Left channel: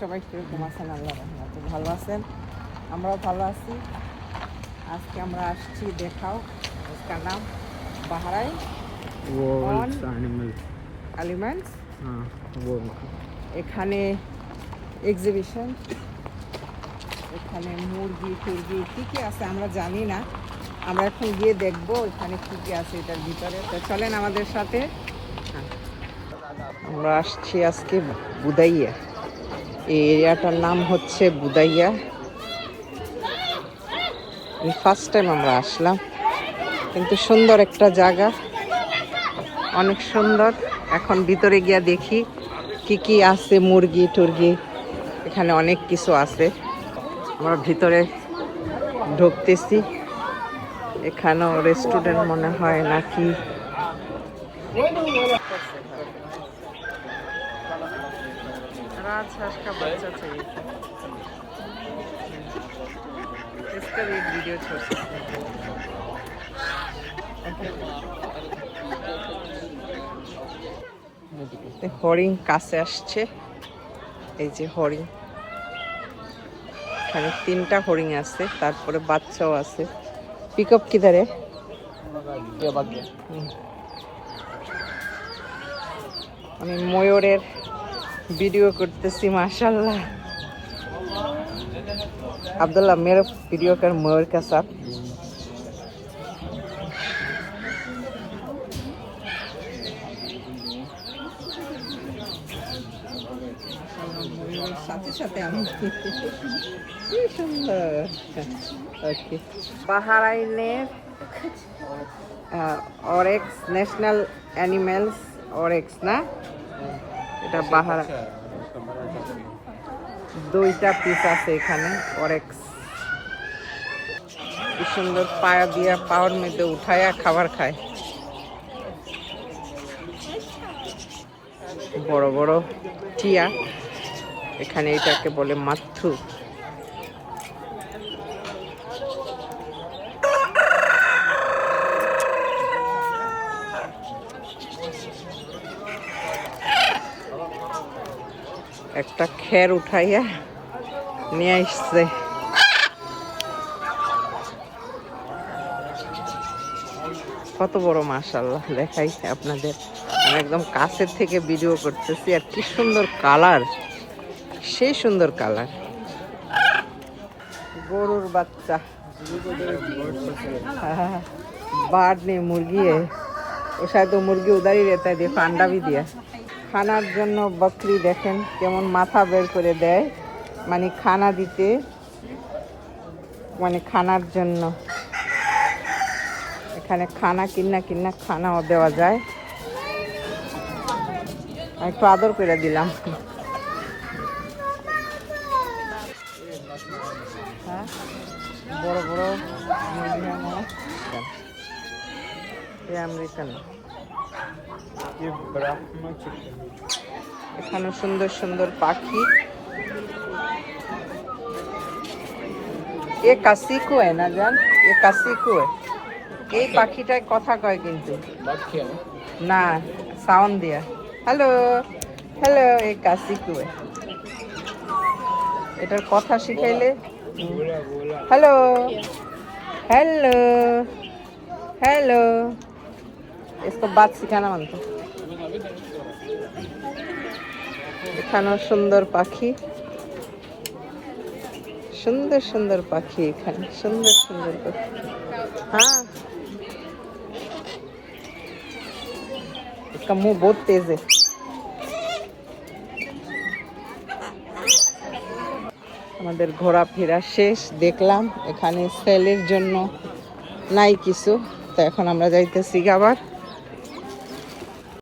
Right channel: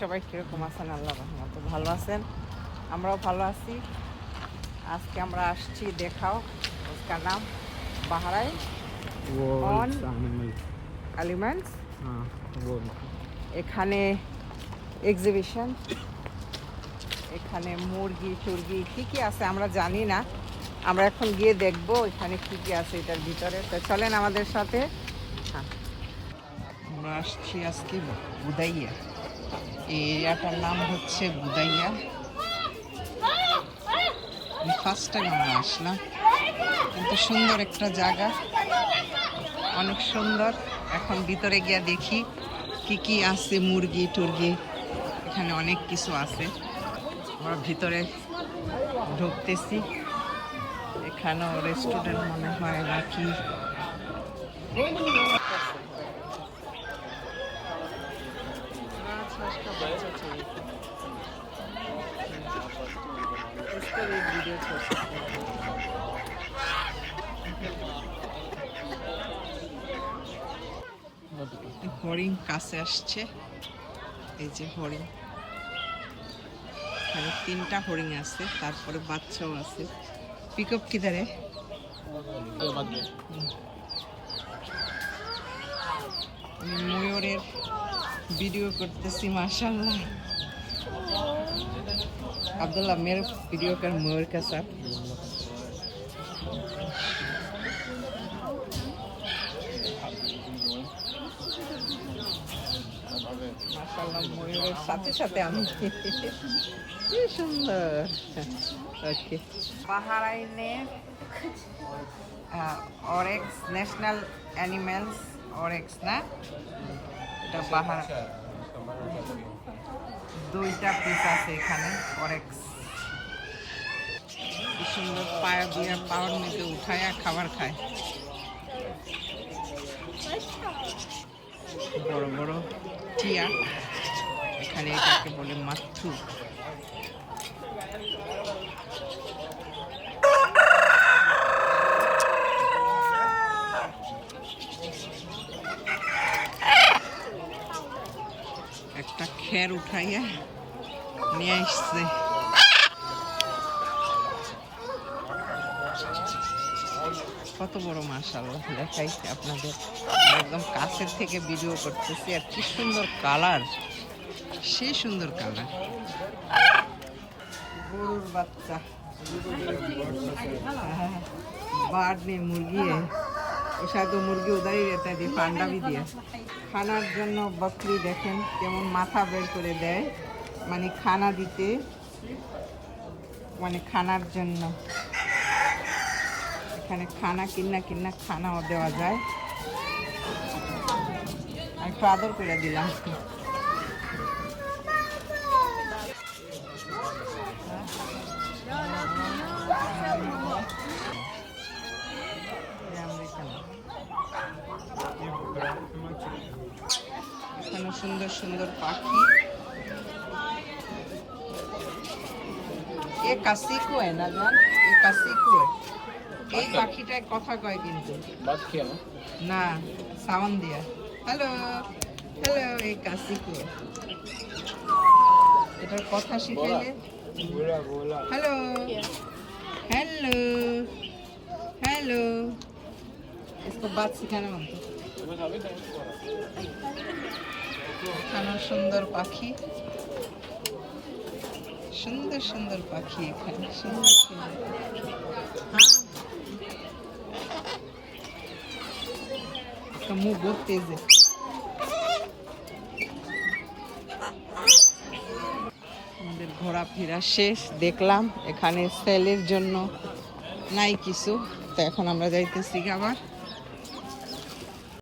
সবাই কীরকম আছেন? আল্লাহ রহমতে ভালো আছেন, আমরাও ভালো আছি। আজকে আমরা আসছি দেখাও, इसका नाम বাহরাইন এলিমেন্টস। এখানে এক্সিবিশন, এখানে মুরগি টুরগি কী কী আছে আমরা জানি না, আমরা এখন গিয়ে দেখবো এখানে কী কী আছে এটার ভিতরে। তো চলেন আমাদের সাথে। আমরা আসছি আজকে বুদাইয়া, এই এরিয়াটার নাম হচ্ছে বুদাইয়া। ফার্স্ট টাইম আমরা আসলাম, কিন্তু সুন্দর একটা জায়গা, অনেক সুন্দর। এখন ভিতরে গিয়া দেখি কি কি আছে, মুরগি টুরগি এখানে অনেক কিছু আছে। আমরা ভিতরে ঢুকতেছি, এখানেও রেস্টুরেন্ট মনে হয় নাকি। राजहंस का बच्चा चाहिए था, इसका भी वीडियो छोड़ सकते हैं। হরিণ কাছে আসছে, এই যে হরিণ, এখানে 3টা হরিণ আছে, তারপরে বাচ্চাও আছে। পিক আপ কিধারে? আমি ময়ূরের वीडियो करते माशाल्लाह। अब्दुल्ला मेरा वीडियो कर मयूर का साथ। বাহরাইনের অরেক্স ন্যাশনাল অ্যানিমেলস অরেক্স না, এটা বাহারা 2টা পিস আছে এখানে অরেক্স। কি সুন্দর, পায়া দিয়া পাওয়ার মধ্যে উঠায়া খাবার খায়। বড় বড় টিয়া, এখানে এটাকে বলে মাথু। একটা খের উঠাইয়া নিয়ে আসছে। কত বড় মাশাআল্লাহ, দেখাইছে আপনাদের, আমি একদম কাছের থেকে ভিডিও করতেছি। আর কি সুন্দর কালার, সেই সুন্দর কালার। গরুর বাচ্চা, बाढ़ ने मुर्गी है, वो शायद तो मुर्गी उधर ही रहता है। देखो अंडा भी दिया খানার জন্য। বকরি দেখেন কেমন মাথা বের করে দেয়, মানে খানা দিতে, মানে খানার জন্য। এখানে খানা কিনা খানাও দেওয়া যায়। একটু আদর করে দিলাম। বড় বড় আমেরিকান। এখানে সুন্দর সুন্দর পাখি। এ কাসিকো है না জান, এ কাসিকো। এই পাখিটায় কথা কয় কিন্তু না, সাউন্ড দিয়া হ্যালো হ্যালো, এই কাসিকো। এটার কথা শিখাইলে হ্যালো হ্যালো হ্যালো, इसको बात सिखाना मानता। এখানেও সুন্দর পাখি, সুন্দর সুন্দর পাখি, এখানে সুন্দর সুন্দর পাখি। हाँ, इसका मुंह बहुत तेज है। আমাদের ঘোরাফেরা শেষ, দেখলাম এখানে সেলের জন্য নাই কিছু, তো এখন আমরা যাইতেছি আবার।